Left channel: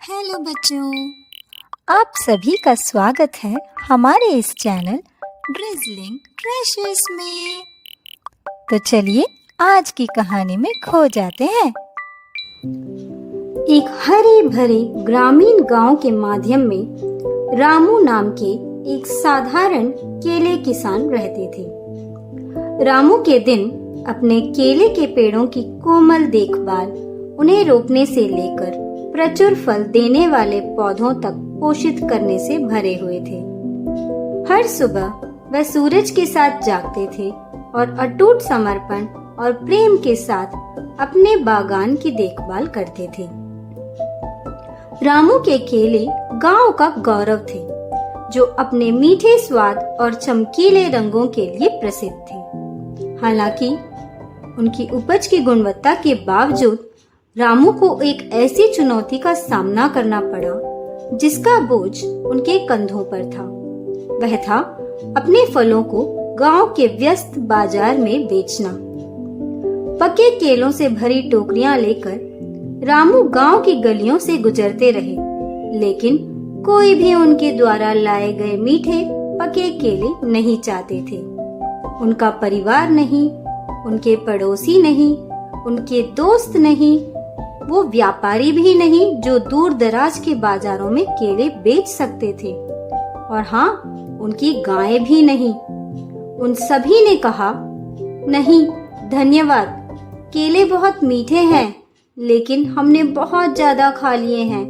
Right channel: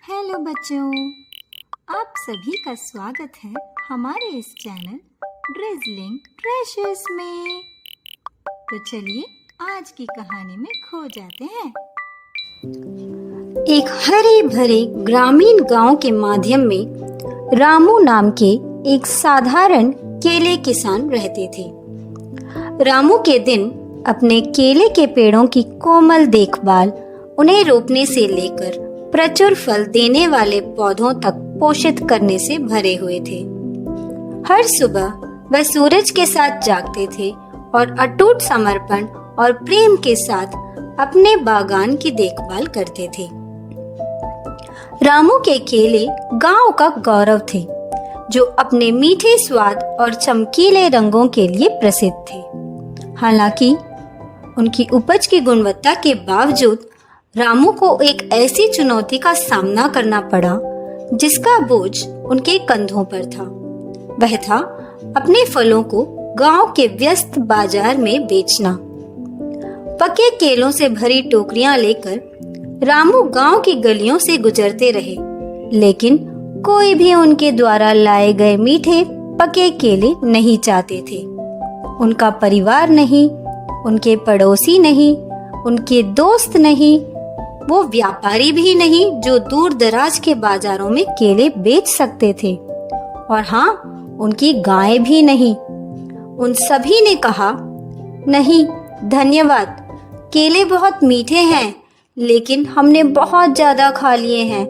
Hello बच्चों, आप सभी का स्वागत है हमारे इस चैनल ड्रिज़लिंग ट्रेशर्स में। तो चलिए आज की कहानी में खो जाते हैं। एक हरे भरे ग्रामीण गांव के माध्यम में रामू नाम के एक साधारण केले किसान रहते थे। रामू के दिन अपने केले के पेड़ों की कोमल देखभाल, उन्हें रोपने से लेकर प्रचुर फल देने वाले पौधों तक पोषित करने से भरे हुए थे। हर सुबह वह सूरज के साथ जागते थे और अटूट समर्पण और प्रेम के साथ अपने बागान की देखभाल करते थे। रामू के केले गांव का गौरव थे, जो अपने मीठे स्वाद और चमकीले रंगों के लिए प्रसिद्ध थे। हालांकि उनकी उपज की गुणवत्ता के बावजूद रामू को एक ऐसी चुनौती का सामना करना पड़ा जिसका बोझ उनके कंधों पर था। वह था अपने फलों को गांव के व्यस्त बाजार में बेचना। पके केलों से भरी टोकरियां लेकर रामू गांव की गलियों से गुजरते रहे, लेकिन कोई भी उनके द्वारा लाए गए मीठे पके केले नहीं चाहते थे। उनका परिवार नहीं, उनके पड़ोसी नहीं, उनके दोस्त नहीं, वो व्यापारी भी नहीं जो दूर दराज के बाजारों में केले बेच सकते थे, और हाँ, उनकी गायें भी नहीं। उन सभी ने कहा, नहीं धन्यवाद, केले बहुत मीठे हैं, लेकिन हमने बहुत ज्यादा खा लिए हैं,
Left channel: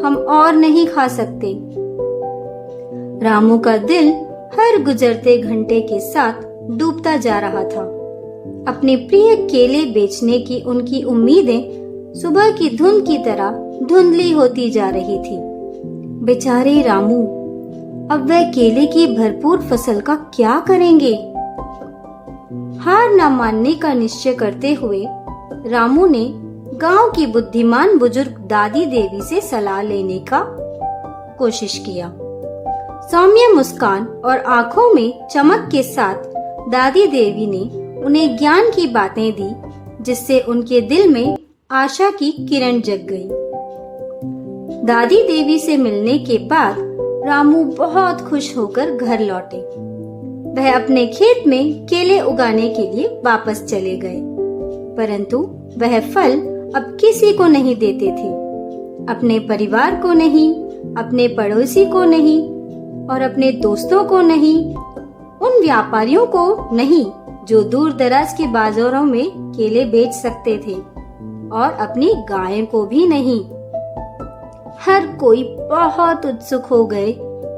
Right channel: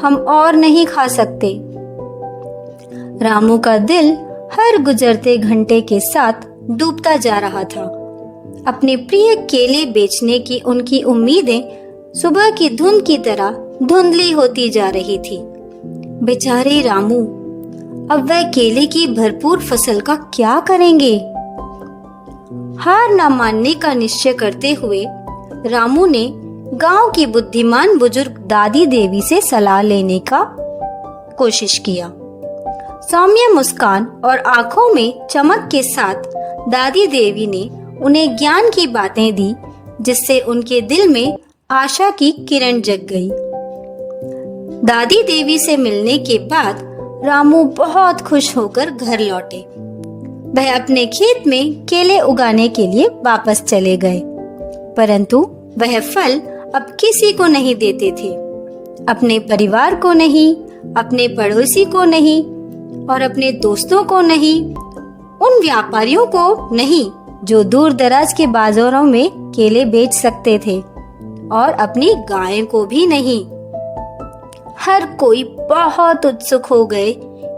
हम और नहीं खा सकते। रामू का दिल हर गुजरते घंटे के साथ डूबता जा रहा था। अपने प्रिय केले बेचने की उनकी उम्मीदें सुबह की धुंध की तरह धुंधली होती जा रही थी। बेचारे रामू, अब वह केले की भरपूर फसल का क्या करेंगे? हार न मानने का निश्चय करते हुए रामू ने गांव की बुद्धिमान बुजुर्ग दादी देवी से सलाह लेने का कोशिश किया। सौम्य मुस्कान और आंखों में चमक के साथ दादी देवी ने उन्हें ज्ञान की बातें दी, जिससे उनके दिल में आशा की किरण जग गई। दादी देवी से मिलने के बाद रामू बहुत खुश होकर घर लौटे। वह अपने खेत में केले उगाने के लिए वापस चले गए, परंतु वह फल अब किसी को नहीं देते थे। अपने परिवार को नहीं, अपने पड़ोसी को नहीं, और अपने दोस्तों को नहीं, उन व्यापारियों को नहीं जो दूर दराज के बाजारों में केले बेच सकते थे, और अपनी गायों को भी नहीं। हर कोई बहुत उत्सुक हो गए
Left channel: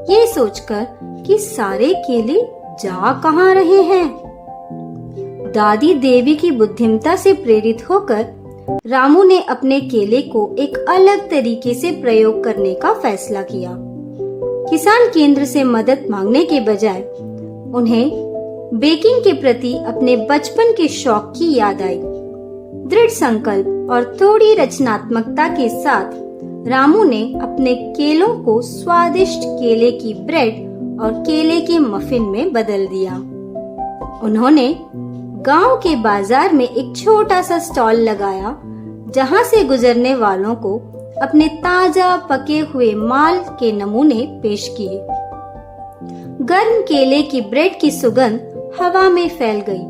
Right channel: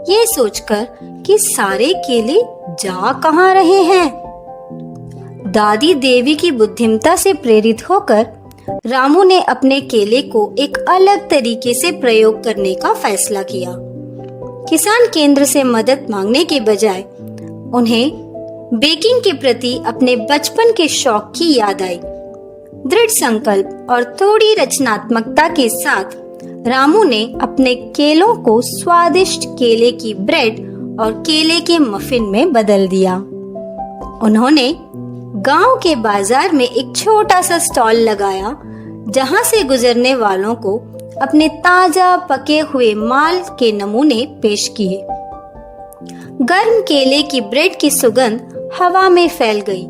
ये सोचकर कि सारे केले जा कहाँ रहे हैं। दादी देवी की बुद्धिमत्ता से प्रेरित होकर रामू ने अपने केले को एक अलग तरीके से प्रयोग करने का फैसला किया। किसान केंद्र से मदद मांगने के बजाय उन्हें बेकिंग के प्रति अपने बचपन के शौक की याद आई। दृढ़ संकल्प और थोड़ी रचनात्मकता के साथ रामू ने अपने केलों को स्वादिष्ट केले की ब्रेड और केले के मफिन में बदल दिया। उन्होंने गांव के बाजार में एक छोटा सा स्टॉल लगाया, जहां से गुजरने वालों को अपने ताजा पके हुए माल के नमूने पेश किए। गर्म केले की ब्रेड की सुगंध हवा में फैल गई,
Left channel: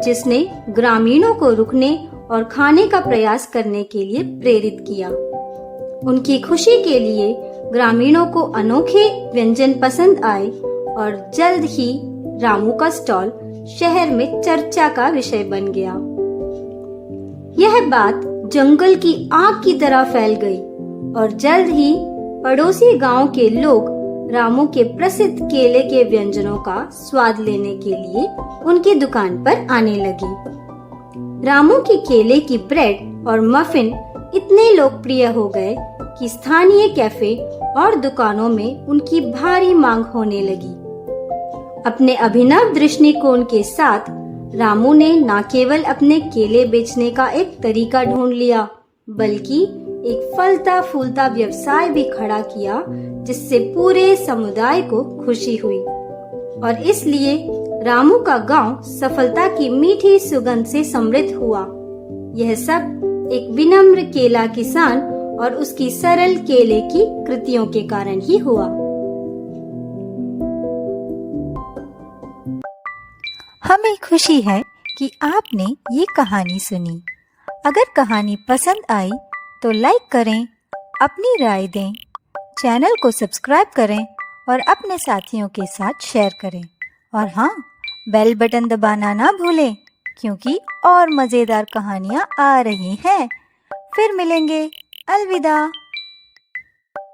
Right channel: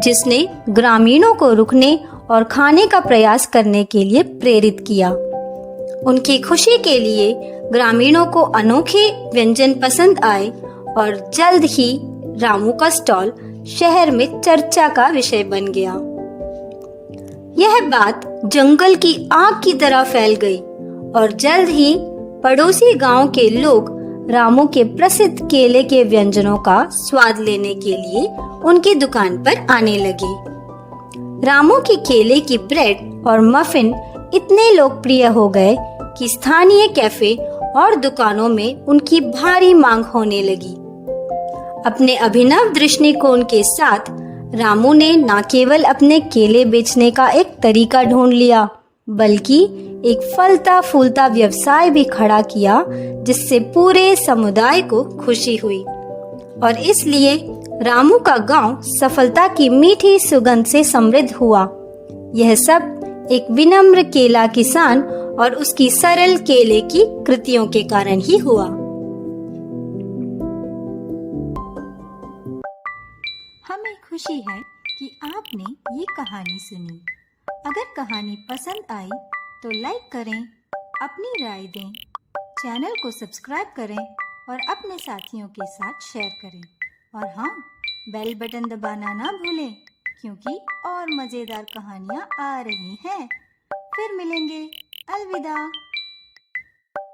जिसने ग्रामीणों को रुकने और खाने का प्रयास करने के लिए प्रेरित किया। उनकी खुशी के लिए ग्रामीणों को अनोखे व्यंजन पसंद आए, और जल्द ही रामू का स्टॉल शहर में चर्चा का विषय बन गया। यह बात जंगल की आग की तरह फैल गई, और जल्द ही पड़ोसी गांव के लोग रामू के प्रसिद्ध केले के व्यंजनों का स्वाद लेने के लिए उनकी दुकान पर आने लगे। रामू की केले की ब्रेड और मफिन इतने लोकप्रिय हो गए कि स्थानीय कैफे और दुकानों में उनकी भारी मांग होने लगी। अपने अभिनव दृष्टिकोण के साथ रामू ने न केवल अपने केले बेचने का एक तरीका ढूंढ लिया, बल्कि एक फलता फूलता व्यवसाय भी खड़ा किया, जिससे पूरे समुदाय को खुशी हुई। और इसलिए रामू का गांव सफलता की मीठी सुगंध से समृद्ध हुआ। यह सब एक विनम्र केला किसान और उसकी सरल केले की कृतियों के कारण ही हुआ। हमें खुशी है कि आपने ये कहानी सुनी। अगर कहानी पसंद आई तो लाइक करें, अपनी राय दें, चैनल को सब्सक्राइब करें और अपने साथियों के साथ शेयर करें। और हाँ, बेल बटन दबाना ना भूलें, क्योंकि और मज़ेदार कहानियाँ आ रही हैं। फिर मिलेंगे। अलविदा।